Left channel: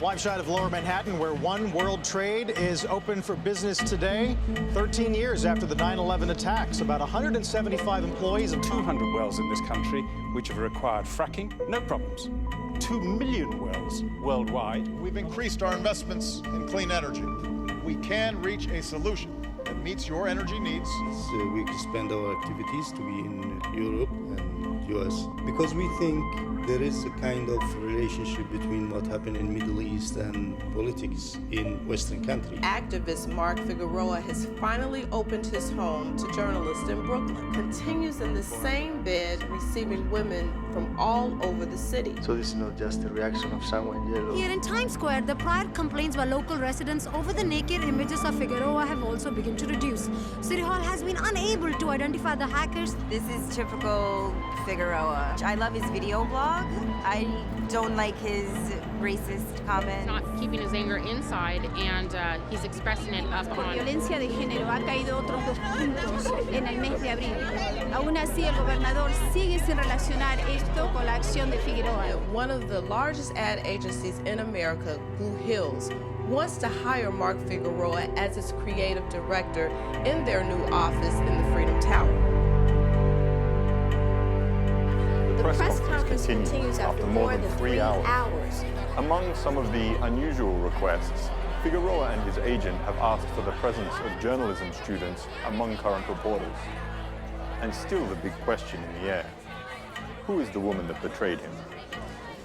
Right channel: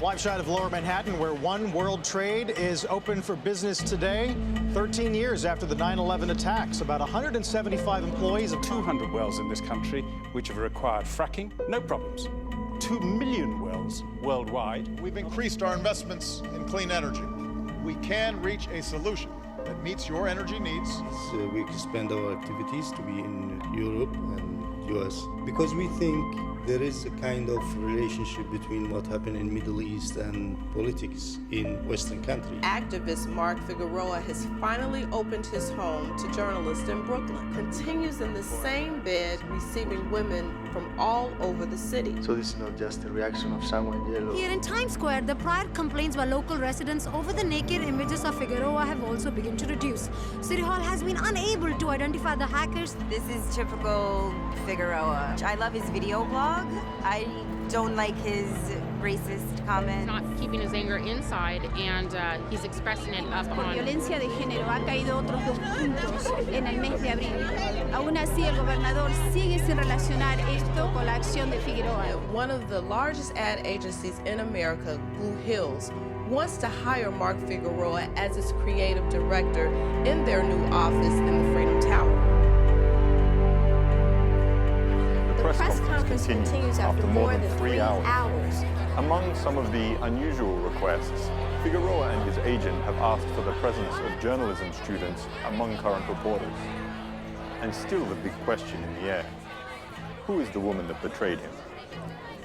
Live shot of Lower Manhattan, where One World Trade is open for business today, 13 years after the 9/11 attacks. About 175 employees of 200 wells in this country which have required fracking, no problems. 2 million wells worldwide. We've increased our investments in clean energy. We can reach a solution that meets your energy needs. We expand our activities to be in Europe and US because we think there is a kind of relationship between what happened in Middle East and politics in Western countries. Activist Mark Figueroa has finally opened his home to journalists in Brooklyn. Continues in the same bed, receiving women from all over the city. So this is not just a reaction of sangre en hielo. Here in Times Square, the prior complaints by local residents over the naked images of Figueroa have also begun to reduce. City Hall has been unable to identify the hackers. This is typical Figueroa. I love his video blog. I don't like his racist comments. Not keeping his anger inside, and he's expressing it up Por on. violencia de género ha caído otros 2 puntos en el mes de abril. Aún así, el gobernador sigue sin relacionar esto con la acción de Figueroa. One of the largest ad agencies in America, Blue Hills, wants to hire Mark Figueroa as its creative director in their new office in the Freedom Tower. The press conference continues after more than 3 hours. Among some of the unusual requests, Figueroa and his agent have asked for the presence of journalism students among current reporters. And still the big question in the air: who is the woman that betrayed him?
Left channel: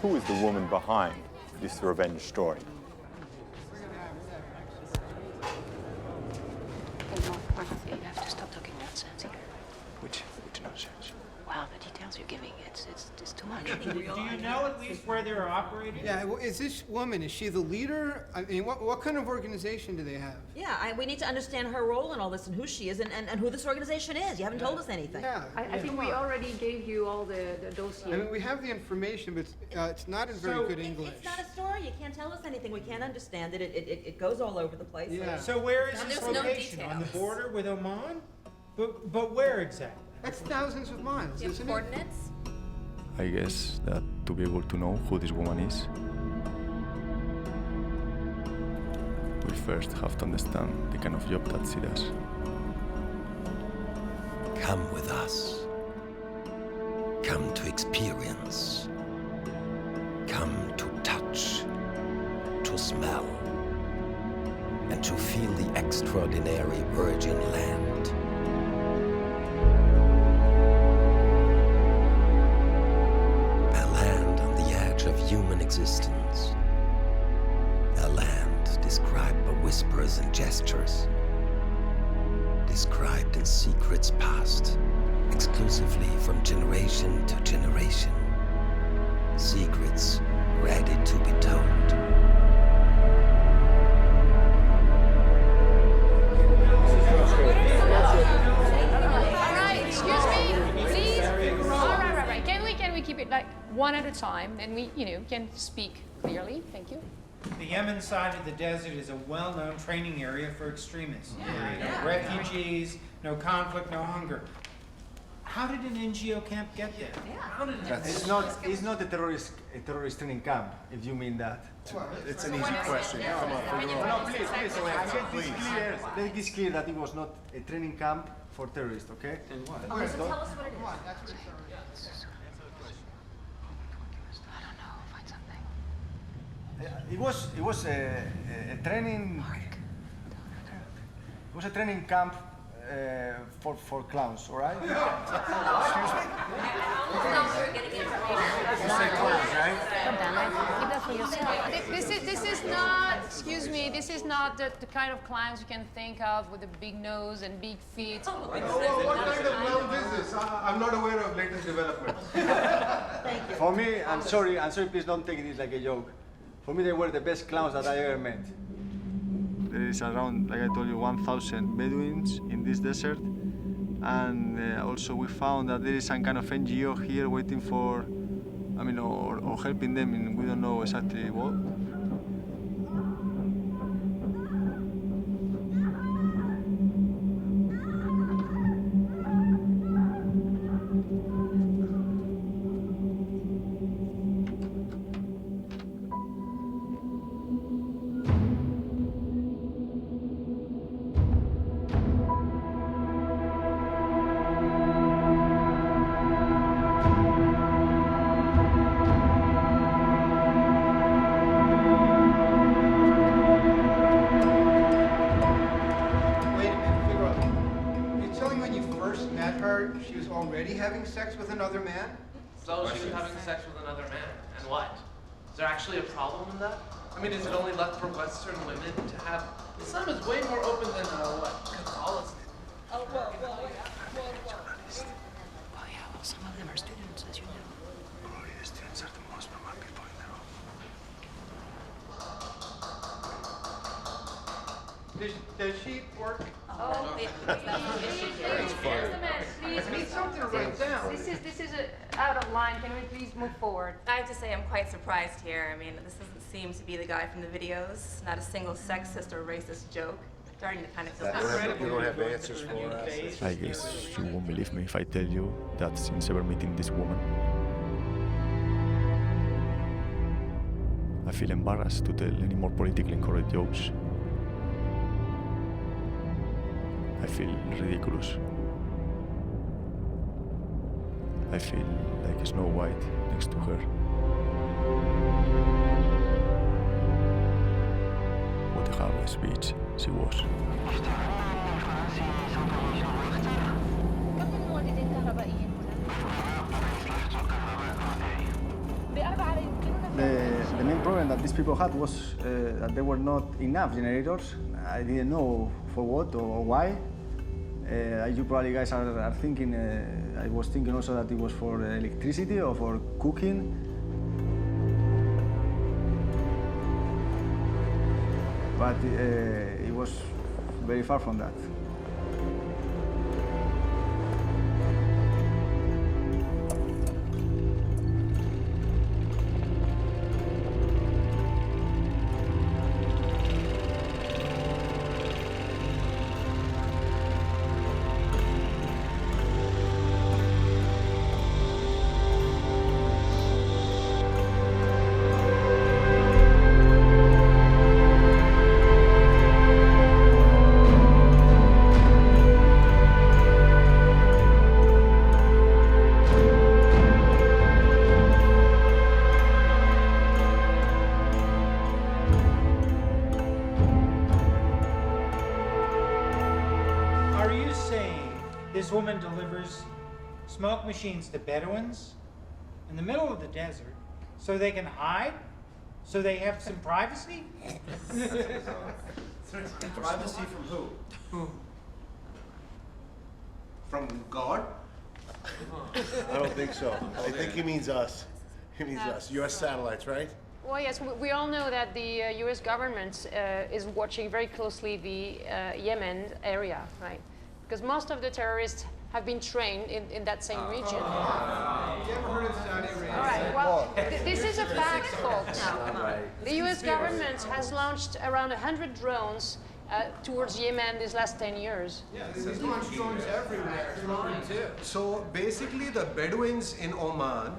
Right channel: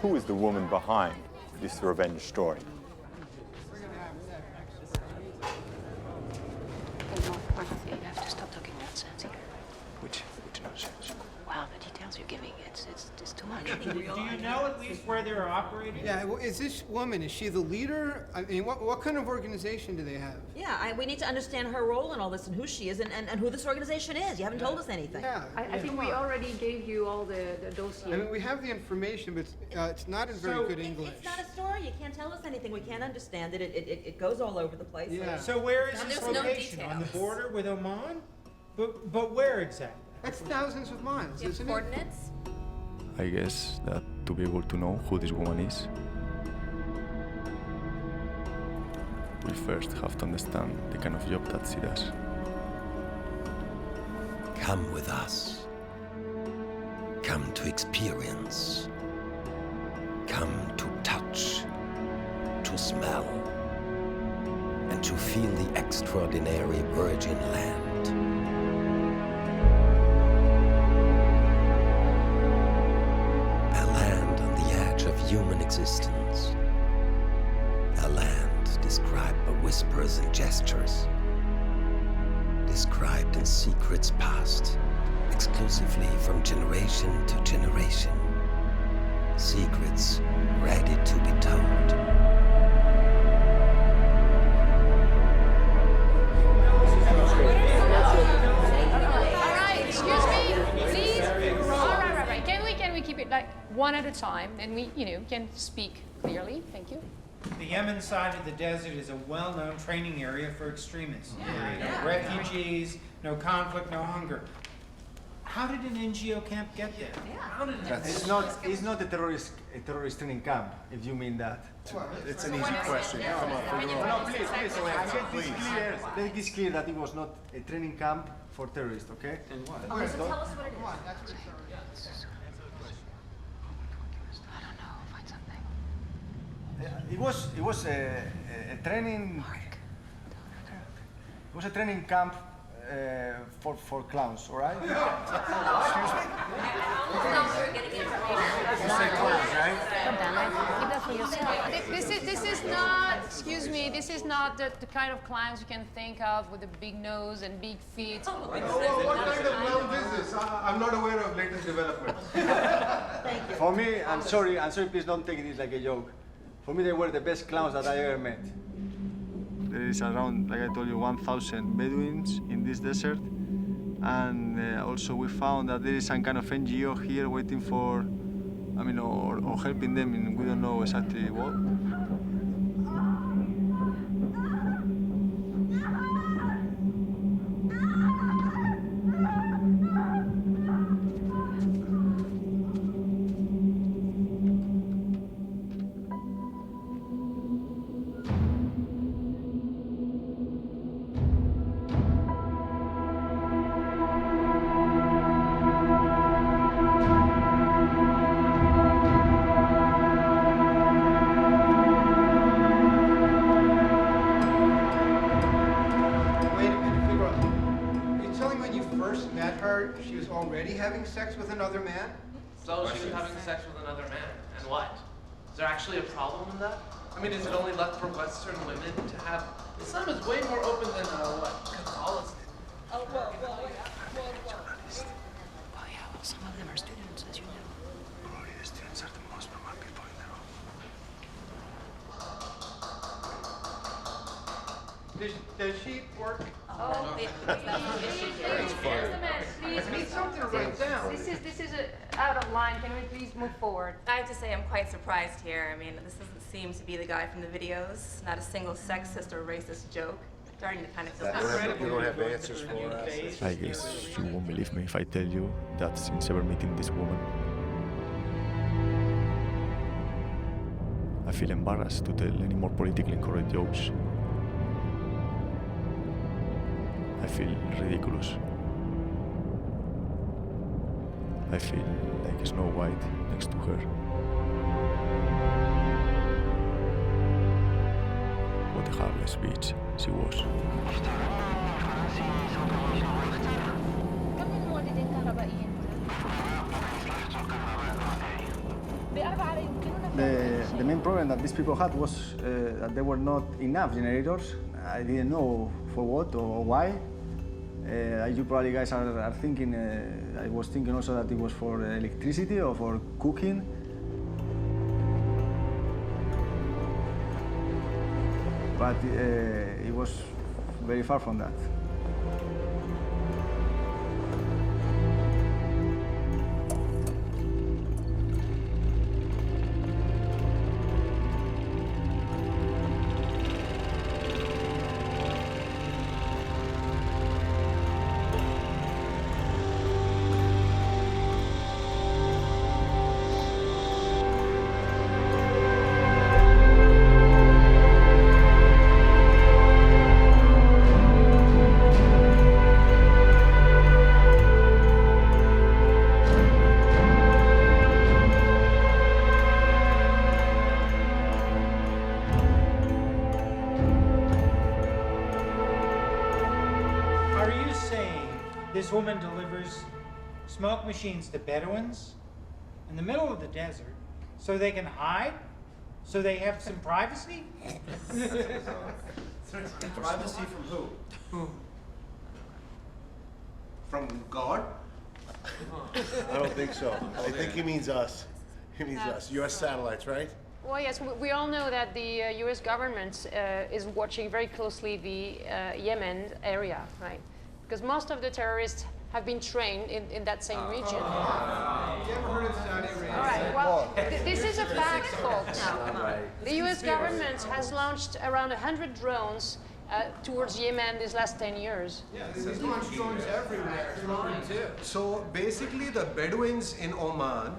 Who is the woman behind this revenge story? You have to stop talking nonsense here. Which nonsense? Wow, the details you're giving, it's too much. Do you know at least where they're operating? Yeah, well, is this woman, is she the leader? I mean, what kind of organization do they have? Yeah, we need to understand her role in all this and who she is and who this organization is. You haven't told us anything. Yeah. I think we already gave you all the dossier. I mean, we have the information, but it's not in very good English. It's not a story. You can't tell us anything. We can't understand it. It goes all over the place. Yeah. So where is this location? On the border with Oman? But where exactly? That's thousands of miles, isn't it? Coordinates? I guess that to be able to know who this woman is, we first have to understand the kind of job that she does. Come with us. Come to experience. Come to touch, to smell, and to feel the extraordinary virgin land. Of human existence, a land described by whispers and gestures, described in secrets passed exclusively from generation to generation, secrets ready to be told. Keep it like one at a time, and we, can speak clearly. Thank you. The Yemen side of the desert is a well-known training area for extremists. Refugees, no conflict, no hunger. How did an NGO camp get there? It's not a terrorist training camp, if you mean that. It's an easy question. Come on, No, please. Make this clear that it was not a training camp for terrorists, okay? And what? Okay, so tell us what it is. It was a training. It was a training camp for clowns, all right? Excuse me. You say clowns, right? Keep that for yourself. This is not. Excuse me. This is not the kind of clowns you can think of with a big nose and big feet. What kind of clowns is this? I'm not aware of latest developments. Thank you. For me, I'm sorry, please don't take this like a joke. For me, they were the best clowns that I ever met. There is around, like I told you, 1,000 Bedouins in this desert. And also we found that there is some kind of NGO here waiting for, or helping them in, we don't know exactly what. when you first met her, she was already having sex with another man? So she was having sex with another man, and what? Is there actually a problem in that? I mean, is it only left for Western women to have... Islam is way more open than, Catholicism. Oh, well, yeah, well, some of them are students, as you know. Probably the students are the most normal people in the room. Does she work? Oh, please, I need something to write down. This is out of line. Can we please move forward? I have to say I'm quite surprised here. I mean, this doesn't seem to be the guy from the videos. Not a single sexist or racist joke. Starting to kind of feel You don't have answers for us. I guess you won't believe me if I tell you that since ever meeting this woman, I feel embarrassed to tell any more politically incorrect jokes. I feel ridiculous. I feel like Snow White next to her. What a heartless bitch she was. The main problem that these people had was that there were not enough generators. I didn't know for what or why. You probably guys are thinking, I was thinking also that it was for electricity or for cooking. But it was very far from that. Are you saying this woman delivers smoke machines to Bedouins in the middle of the desert so they can hide? So they have some privacy? Privacy from who? From God? I don't think so. I think he means us. He means us. U.S. satellites, right? Well, yes, we all know that the U.S. government is watching very closely the Yemen area, right? Because most of the terrorists have been trained in that same region. You ever heard of Saudi Arabia? All right, well, this is a fact, folks. The U.S. government has launched around 100 drones towards Yemen these last 10 years. Yeah, there's launch drones everywhere. So basically the Bedouins in Oman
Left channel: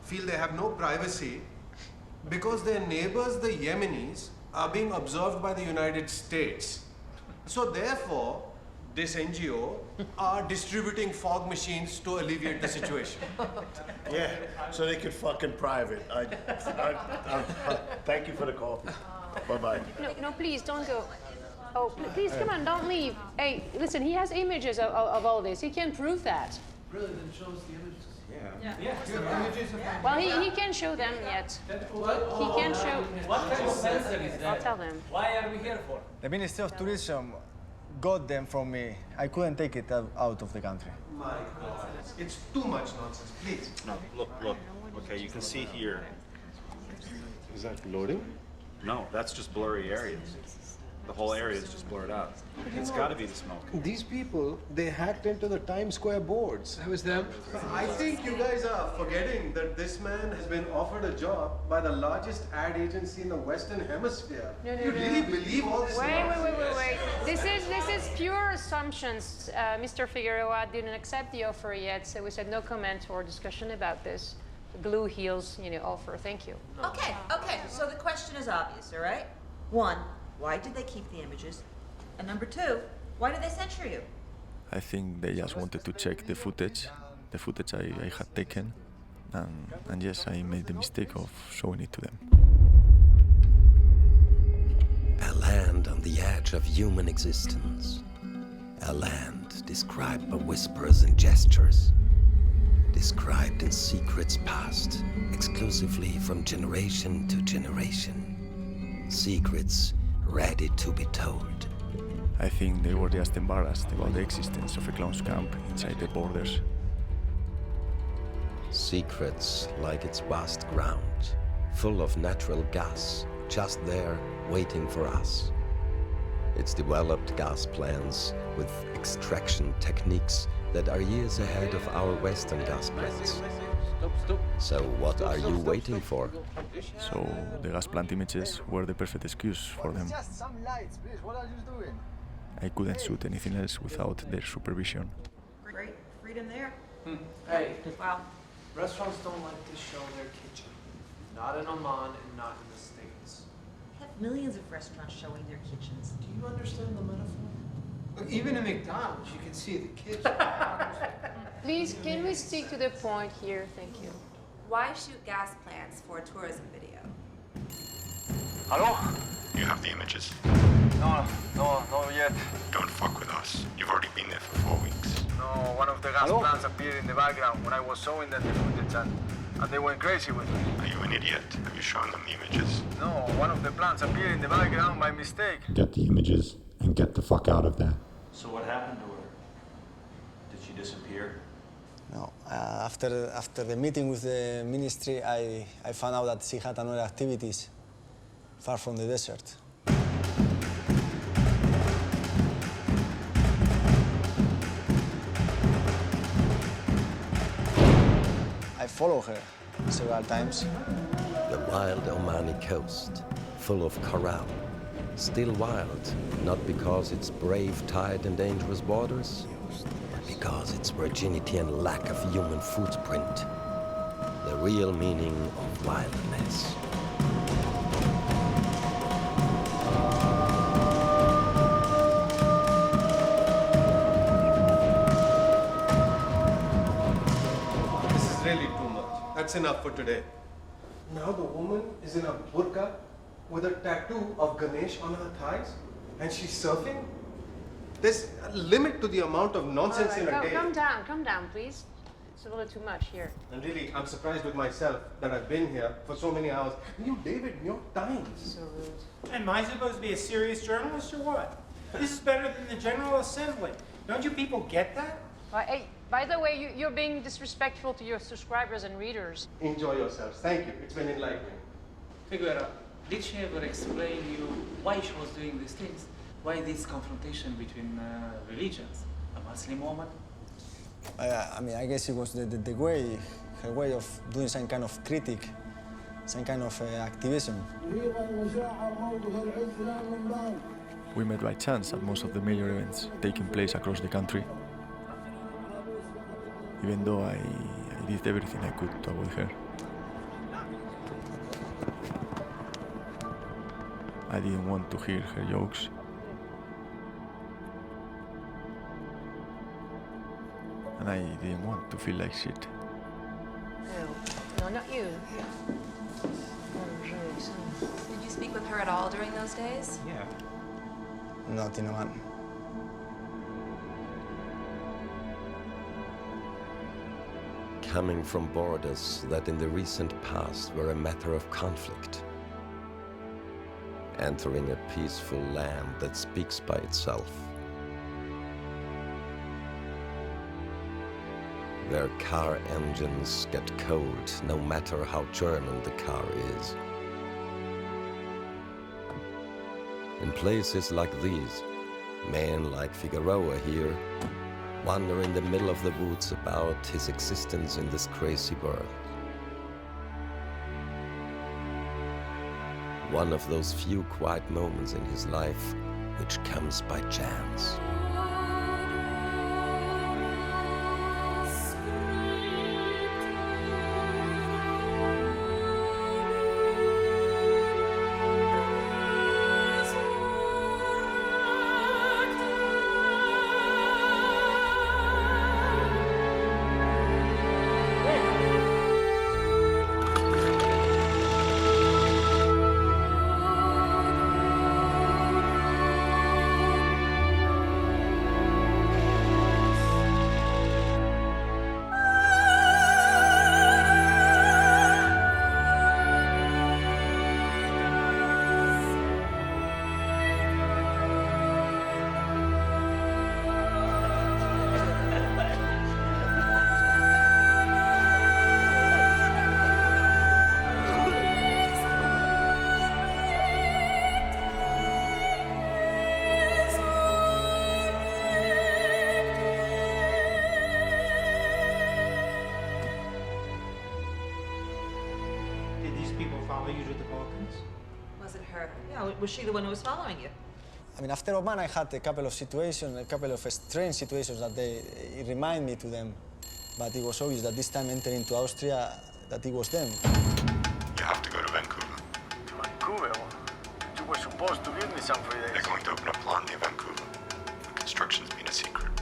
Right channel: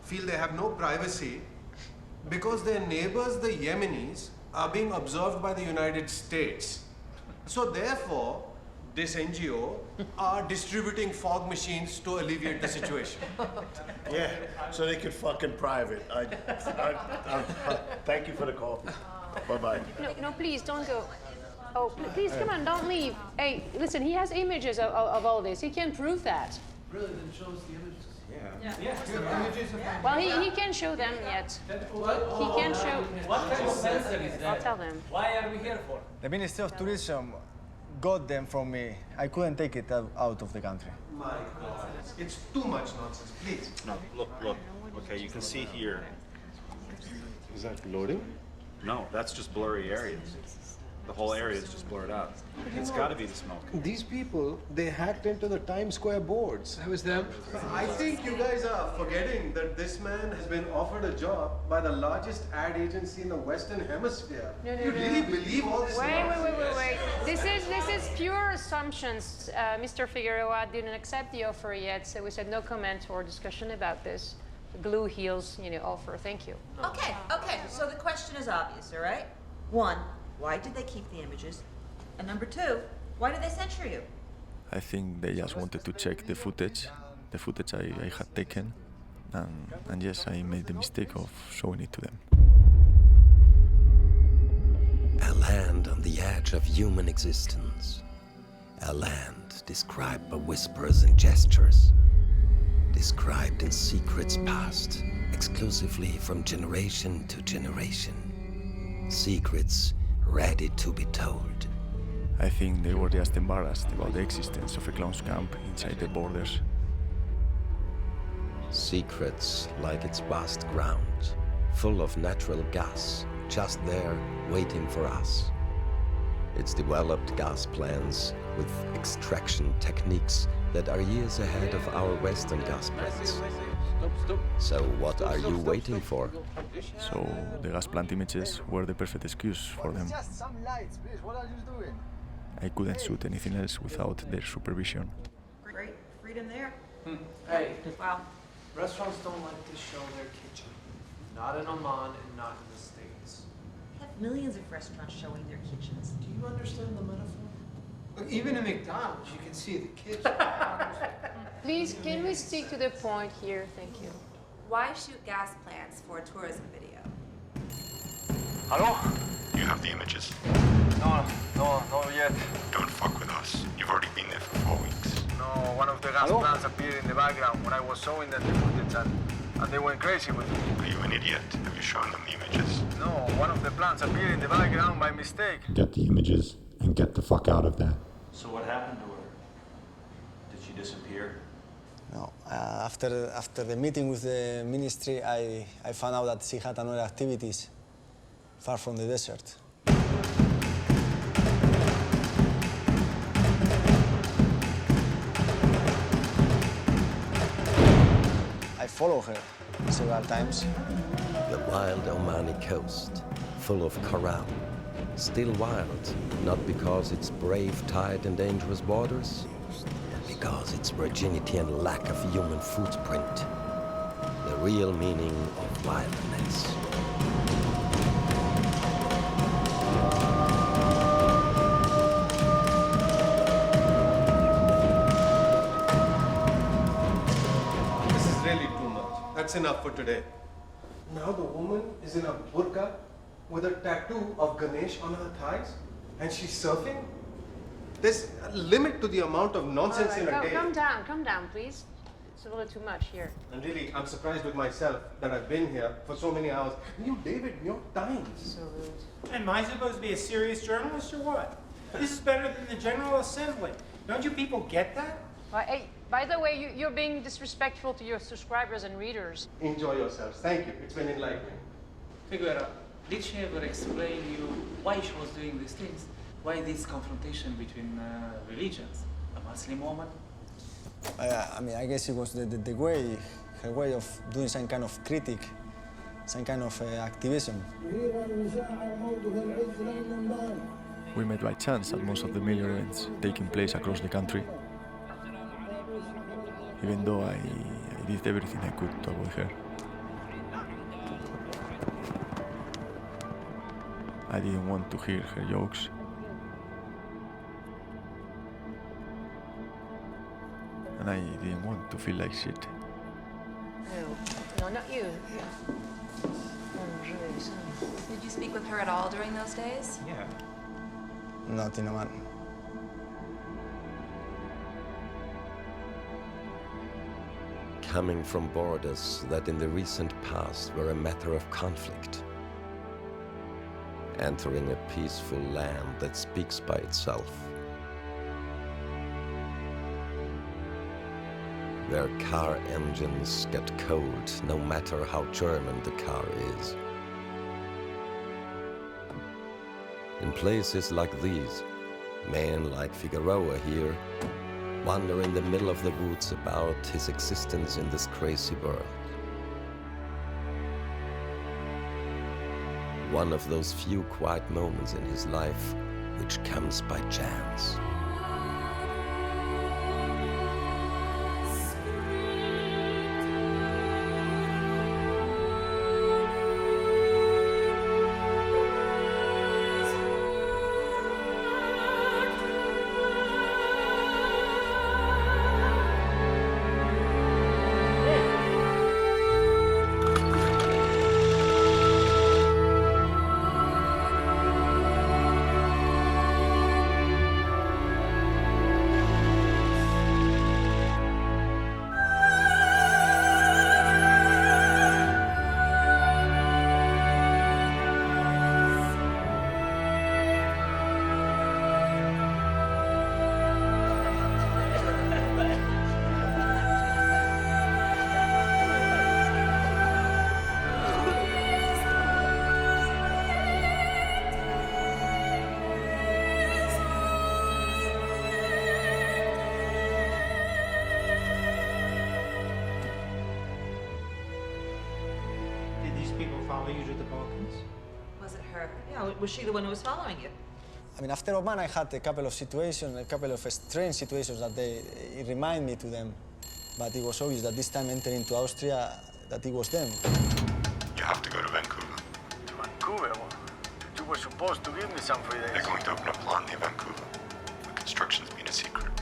feel they have no privacy because their neighbors, the Yemenis, are being observed by the United States. So therefore, this NGO are distributing fog machines to alleviate the situation. Yeah, so they could fucking private. Thank you for the call. Bye-bye. No, please, don't go. Oh, please, come on, don't leave. Hey, listen, he has images of all this. He can prove that. Really, then show us the images. Well, he can't show them yet. He can't show. What kind of sensor is that? I'll tell them. Why are we here for? The Ministry of Tourism got them from me. I couldn't take it out of the country. My God, it's too much nonsense, please. No, look. Okay, you can see here. Is that loading? No, that's just blurry areas. The whole area is just blurred out. It's got to be the smoke. These people, they hacked into the Times Square boards. That was them? I think you guys are forgetting that this man has been offered a job by the largest ad agency in the Western Hemisphere. No, you really believe all this nonsense? Wait. This is pure assumptions. Mr. Figueroa didn't accept the offer yet, so we said no comment or discussion about this. The Blue Heels, offer. Thank you. Okay. So the question is obvious, all right? One, why did they keep the images? And number two, why did they censure you? I think they just wanted to check the footage I had taken, and yes, I made the mistake of showing it to them. A land on the edge of human existence, A land described by whispers and gestures, described in secrets passed exclusively from generation to generation. Secrets ready to be told. I think they were just embarrassed about the existence of a clown's camp inside the borders. Secrets like its vast ground, full of natural gas, just there waiting for us. It's developed gas plants with extraction techniques that are years ahead of our Western gas plants. So what are you waiting for? So the gas plant images were the perfect excuse for them. Just some lights, please. What are you doing? I couldn't shoot anything else without their supervision. Great freedom there. Hey, Wow. restaurants don't like to show their kitchen. Not in Oman and not in the States. We have millions of restaurants showing their kitchens. Do you understand the metaphor? Look, even in McDonald's, you can see the kitchen. Please, can we stick to the point here? Thank you. Why shoot gas plants for a tourism video? Hello? You have the images? No yet. Don't fuck with us. You've already been there for 4 weeks. No, one of the gas plants appeared in the background when I was showing them the footage and they went crazy with me. Are you an idiot? Have you shown them the images? No, one of the plants appeared in the background by mistake. Get the images and get the fuck out of there. So what happened to her? Did she disappear? No, after the meeting with the ministry, I found out that she had another activities far from the desert. I followed her several times. The wild Omani coast, full of coral. Still wild, not because it's brave tide and dangerous waters, but because its virginity and lack of human footprint. The real meaning of wilderness. This is really too much. That's enough for today. Now the woman is in a burqa with a tattoo of Ganesh on her thighs and she's surfing? There's a limit to the amount of nonsense in a day. Calm down, please. It's a little too much here. And really, I'm surprised with myself that I've been here for so many hours. You, David, your time. So rude. Am I supposed to be a serious journalist or what? This is better than the General Assembly. Don't you people get that? Hey, by the way, you're being disrespectful to your subscribers and readers. Enjoy yourselves. Thank you. It's been enlightening. Figueroa, did she ever explain you why she was doing these things? Why this confrontation between religions? A Muslim woman? I mean, I guess it was the way, her way of doing some kind of critique, some kind of activism. We met by chance at most of the major events taking place across the country. Even though I did everything I could to avoid her. I didn't want to hear her jokes. And I didn't want to feel like shit. No, not you. Did you speak with her at all during those days? Yeah. Not in Oman. Coming from borders that in the recent past were a matter of conflict. Entering a peaceful land that speaks by itself. Where car engines get cold no matter how German the car is. In places like these, men like Figueroa here wonder in the middle of the woods about his existence in this crazy world. One of those few quiet moments in his life which comes by chance. follow you to the Balkans? Was it her? Yeah, was she the one who was following you? I mean, after Oman, I had a couple of situations, a couple of strange situations that it remind me to them. But it was obvious that this time entering into Austria, that it was them. You have to go to Vancouver. To Vancouver? You were supposed to give me some free days. They're going to open a plant near Vancouver. The construction's been a secret.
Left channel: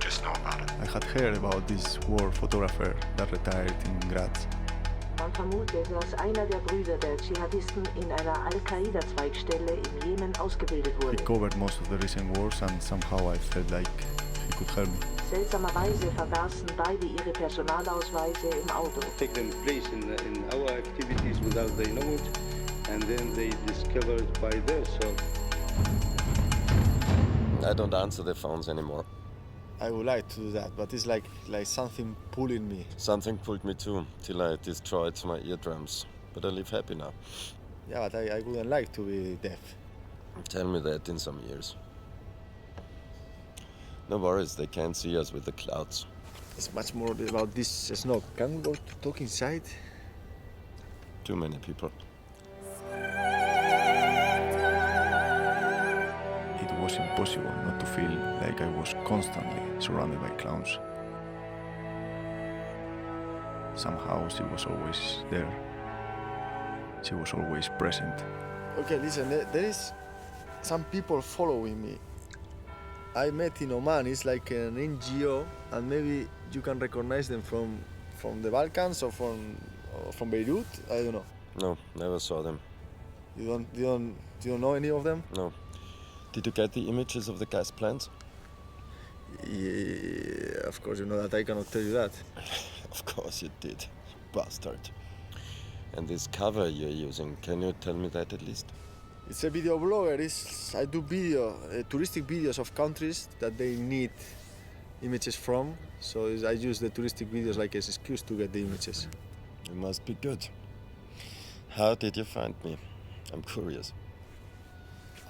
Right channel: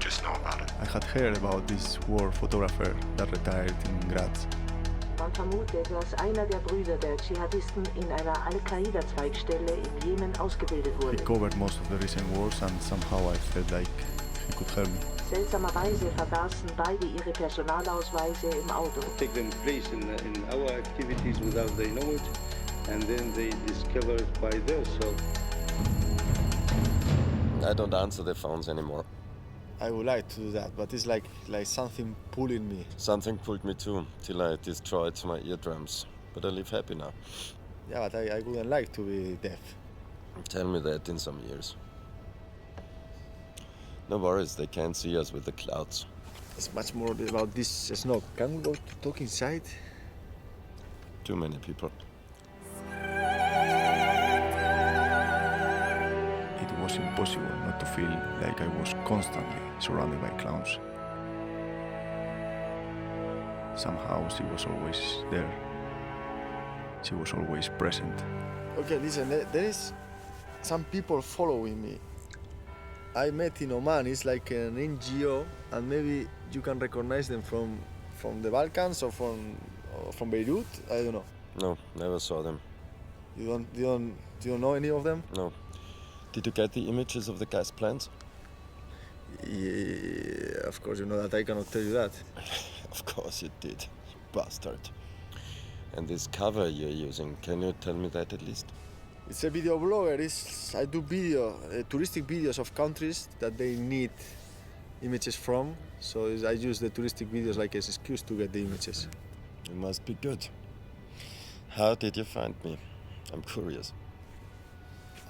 Just know about it. I had heard about this war photographer that retired in Graz. Man vermutet, dass einer der Brüder der Dschihadisten in einer Al-Qaida-Zweigstelle im Jemen ausgebildet He wurde. covered most of the recent wars and somehow I felt like he could help me. Seltsamerweise vergaßen beide ihre Personalausweise im Auto. Take them place in our activities without they know it, and then they discover it by themselves. I don't answer the phones anymore. I would like to do that, but it's like something pulling me. Something pulled me too, till I destroyed my eardrums. But I live happy now. Yeah, but I wouldn't like to be deaf. Tell me that in some years. No worries, they can't see us with the clouds. It's much more about this snow. Can we go to talk inside? Too many people. It was impossible not to feel like I was constantly surrounded by clowns. Somehow she was always there. She was always present. Okay, listen, there is some people following me. I met in Oman, it's like an NGO, and maybe you can recognize them from the Balkans or from Beirut, I don't know. No, never saw them. You don't know any of them? No. Did you get the images of the gas plants? Yeah, of course, you know that I cannot tell you that. Of course you did, you bastard. And this cover you're using, can you tell me that at least? It's a video blogger. I do touristic videos of countries that they need images from. So I use the touristic videos like as an excuse to get the images. You must be good. How did you find me? I'm curious.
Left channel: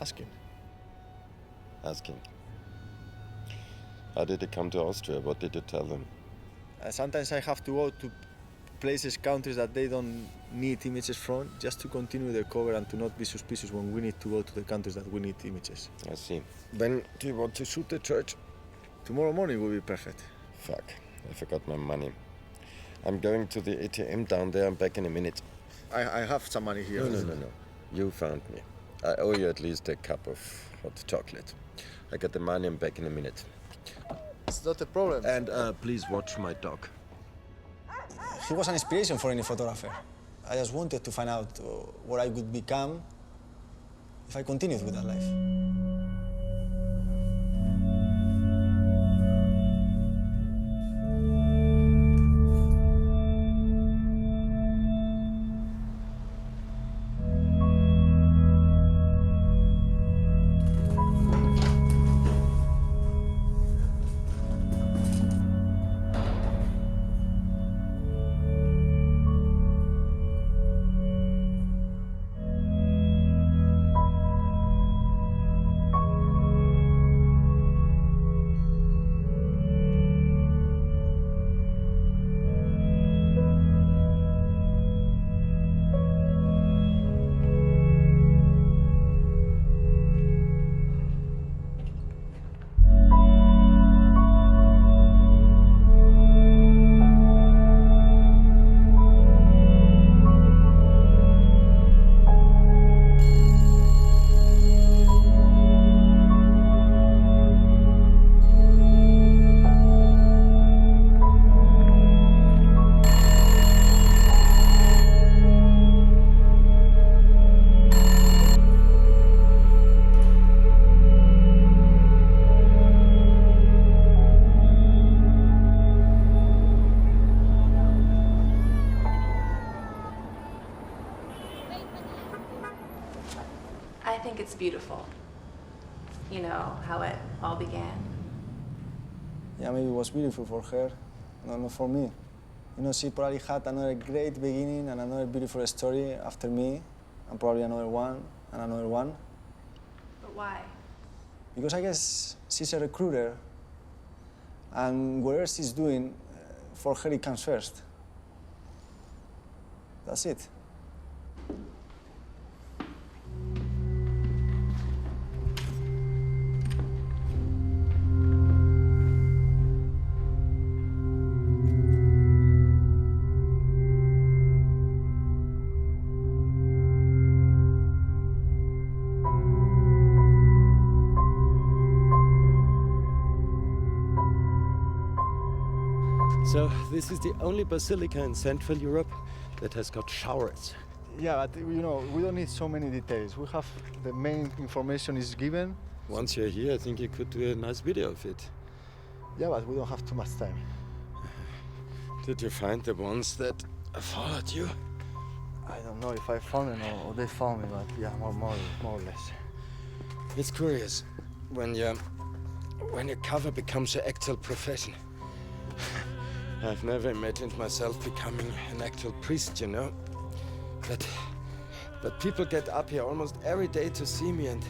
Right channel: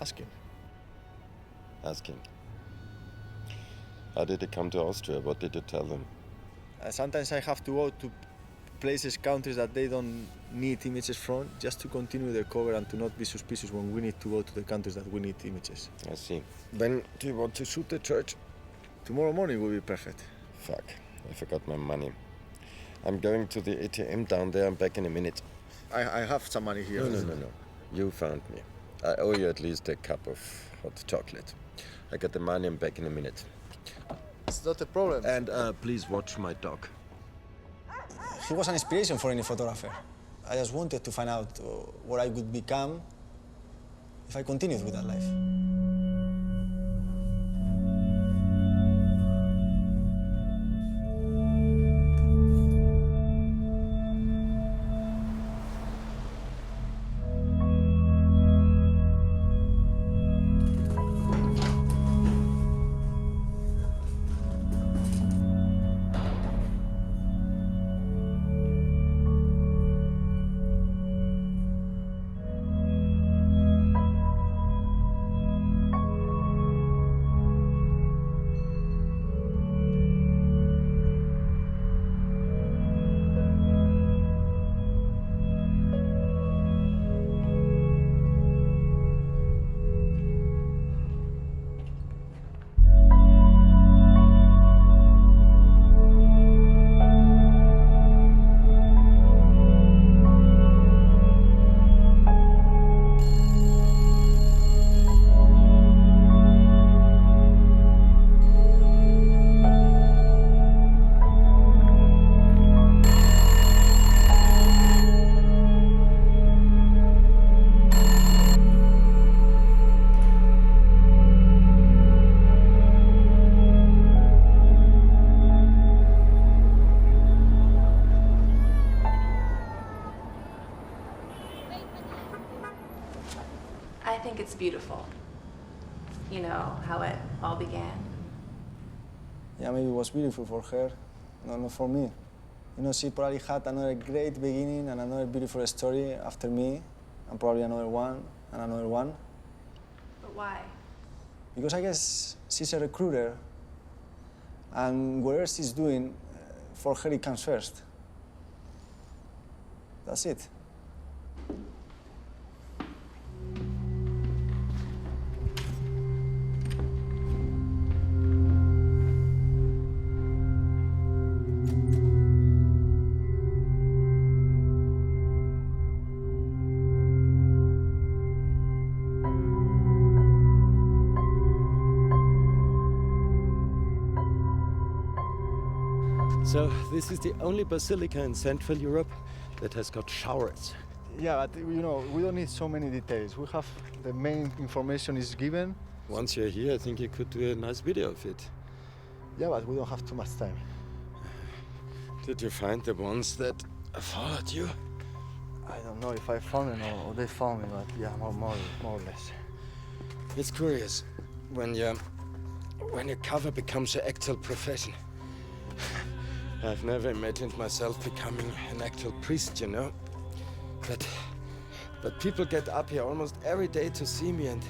Asking. How did you come to Austria? What did you tell them? Sometimes I have to go to places, countries that they don't need images from, just to continue the cover and to not be suspicious when we need to go to the countries that we need images. I see. When do you want to shoot the church? Tomorrow morning will be perfect. Fuck, I forgot my money. I'm going to the ATM down there. I'm back in a minute. I have some money here. No. You found me. I owe you at least a cup of hot chocolate. I got the money. I'm back in a minute. It's not a problem. And please watch my dog. He was an inspiration for any photographer. I just wanted to find out what I would become if I continued with that life. I think it's beautiful. You know, how it all began. Yeah, maybe it was beautiful for her, not for me. You know, she probably had another great beginning and another beautiful story after me, and probably another one and another one. But why? Because I guess she's a recruiter, and whatever she's doing, for her it comes first. That's it. So this is the only basilica in Central Europe that has got showers. Yeah, but you know, we don't need so many details. We have the main information is given. Once you're here, I think you could do a nice video of it. Yeah, but we don't have too much time. Did you find the ones that followed you? I don't know if I found them or they found me, but yeah, more or less. It's curious when your cover becomes your actual profession. I've never imagined myself becoming an actual priest, you know. But people get up here almost every day to see me, and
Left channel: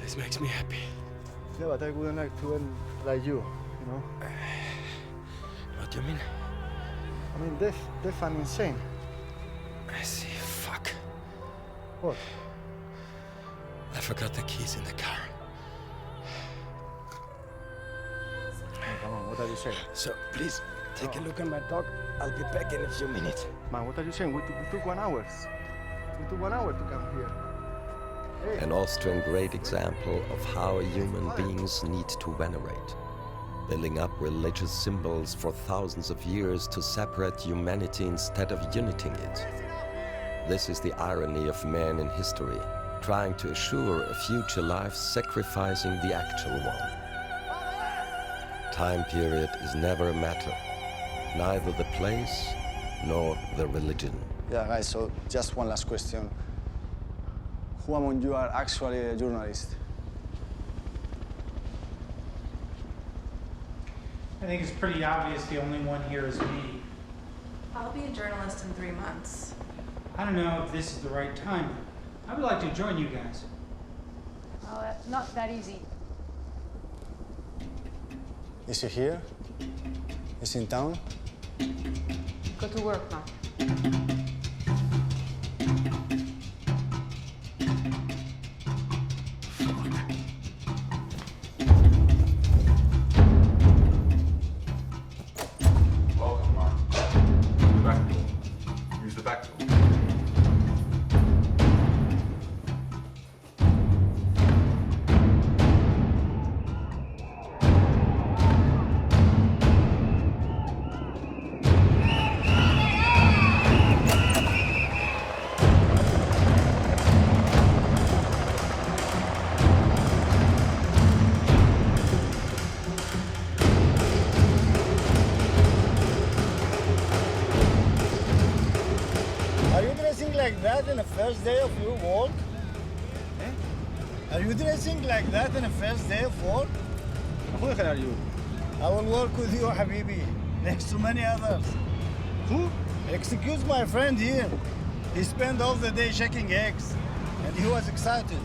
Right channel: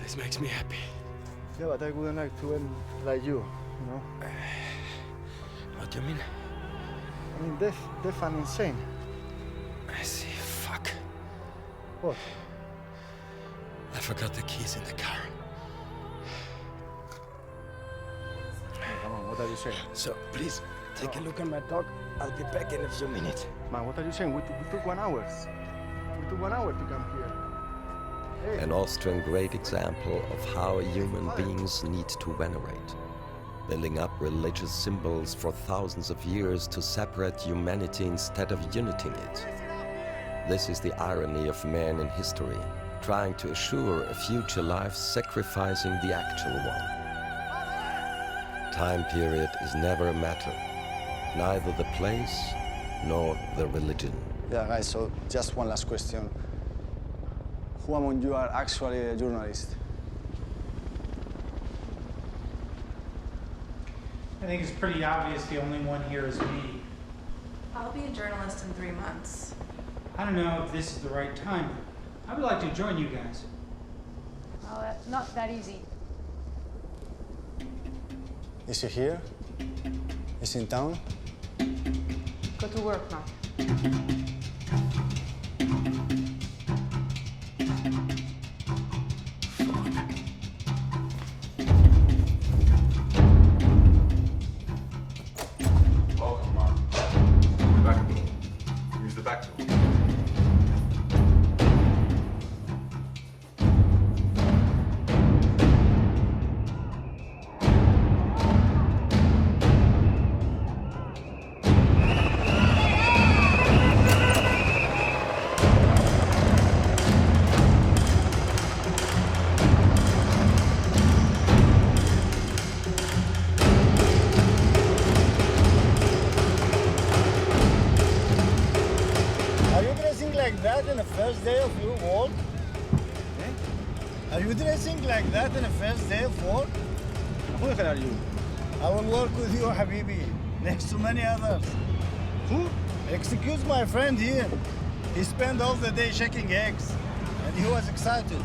this makes me happy. Yeah, but I wouldn't like to end like you know. What do you mean? I mean, deaf and insane. I see. Fuck. What? I forgot the keys in the car. Hey, come on, what are you saying? So, please, take a look at my dog. I'll be back in a few minutes. Man, what are you saying? We took 1 hour. We took 1 hour to come here. Hey. An Austrian great example of how human beings need to venerate, building up religious symbols for thousands of years to separate humanity instead of uniting it. This is the irony of man in history, trying to assure a future life sacrificing the actual one. Time period is never a matter, neither the place nor the religion. Yeah, guys, so just one last question. Who among you are actually a journalist? I think it's pretty obvious the only one here is me. I'll be a journalist in 3 months. I don't know if this is the right time, but I would like to join you guys. Well, not that easy. Is he here? Is he in town? Go to work now. Welcome, Mark. The back door. Use the back door. Are you dressing like that in the first day of your work? Eh? Are you dressing like that in the first day of work? Who the hell are you? I will work with you, Habibi, next to many others. Who? Excuse my friend here. He spent all the day checking eggs, and he was excited.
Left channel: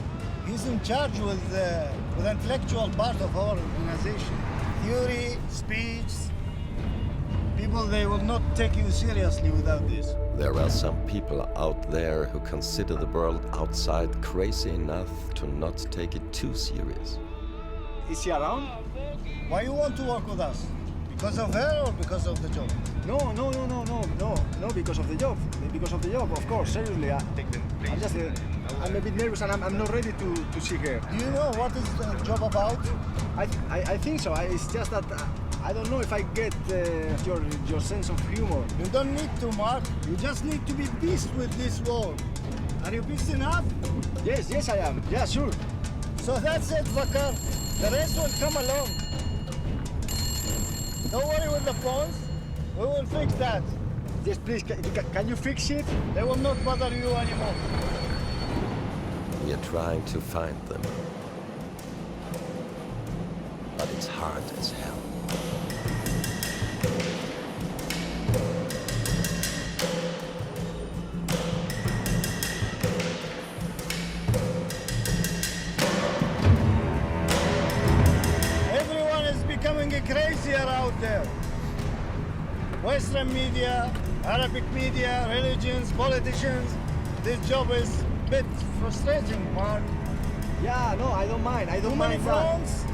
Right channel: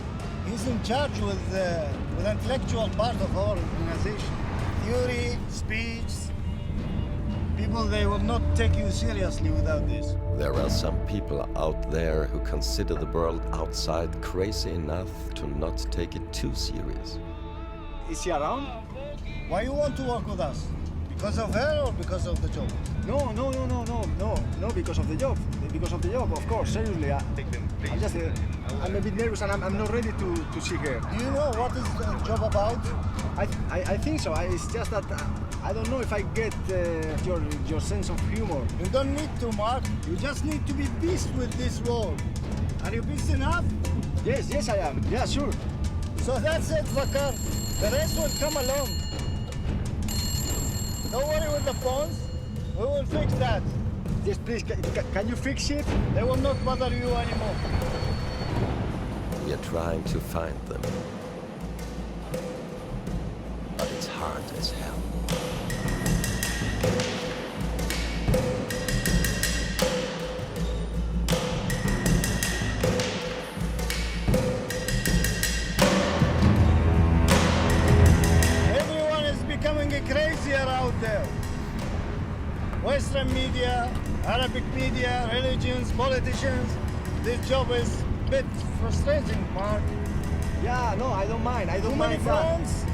He's in charge with the intellectual part of our organization. Theory, speech. People, they will not take you seriously without this. There are some people out there who consider the world outside crazy enough to not take it too serious. Is he around? Why you want to work with us? Because of her or because of the job? No, because of the job. Because of the job, of course, seriously. I'm a bit nervous and I'm not ready to see her. Do you know what is the job about? I think so. It's just that I don't know if I get your sense of humor. You don't need to, Mark. You just need to be beast with this world. Are you beast enough? Yes, I am. Yeah, sure. So that's it, Vakar. The rest will come along. Don't worry with the phones. We will fix that. Yes, please. Can you fix it? They will not bother you anymore. We are trying to find them. But it's hard as hell. Everyone is becoming crazier out there. Western media, Arabic media, religions, politicians. This job is a bit frustrating, Mark. Yeah, no, I don't mind. Too many fronts,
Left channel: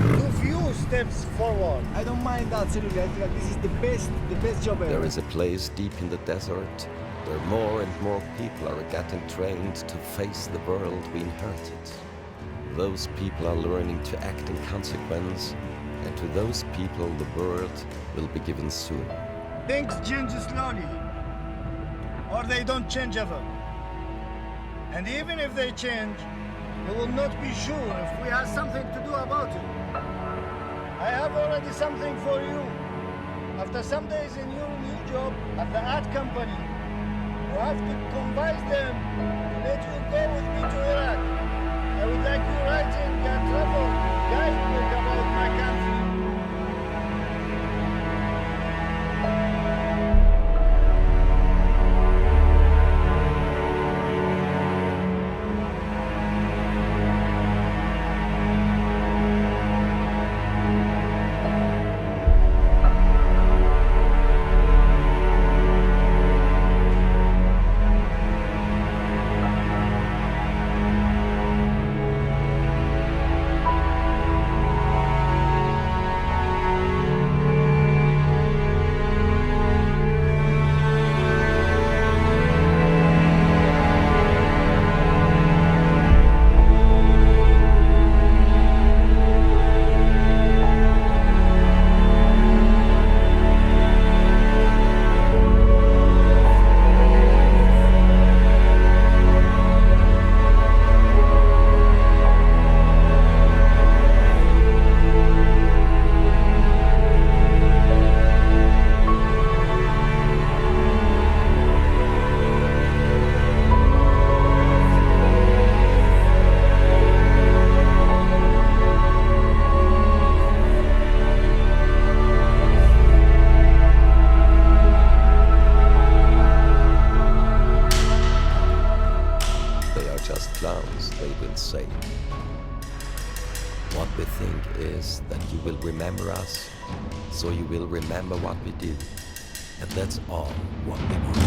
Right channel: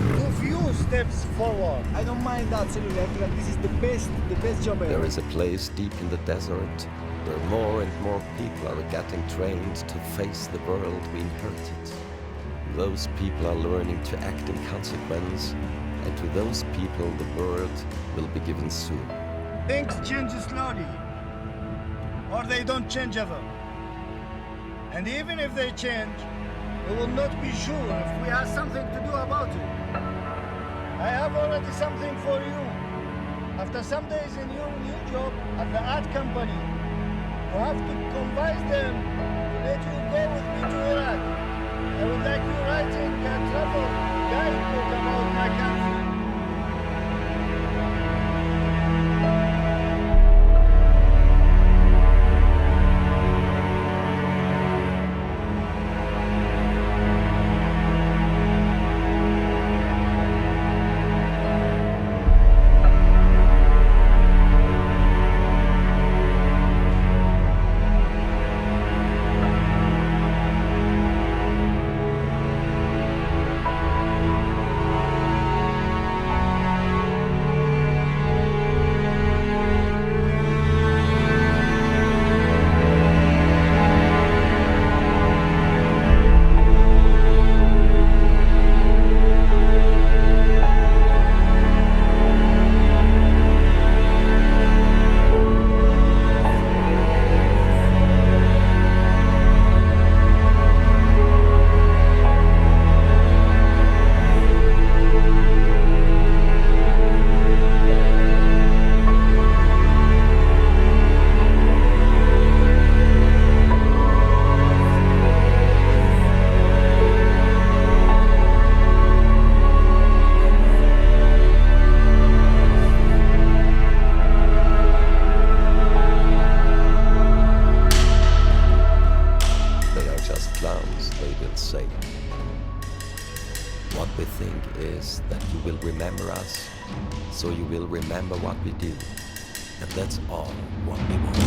too few steps forward. I don't mind that, seriously. I think that this is the best job ever. There is a place deep in the desert where more and more people are getting trained to face the world we inherited. Those people are learning to act in consequence and to those people the world will be given soon. Things change slowly, or they don't change ever. And even if they change, we will not be sure if we have something to do about it. I have already something for you. After some days in your new job at the art company, you have to convince them to let you go with me to Iraq. I would like you writing a travel guidebook about my country. Just clowns, they will say. What we think is that you will remember us, so you will remember what we do. And that's all what we want.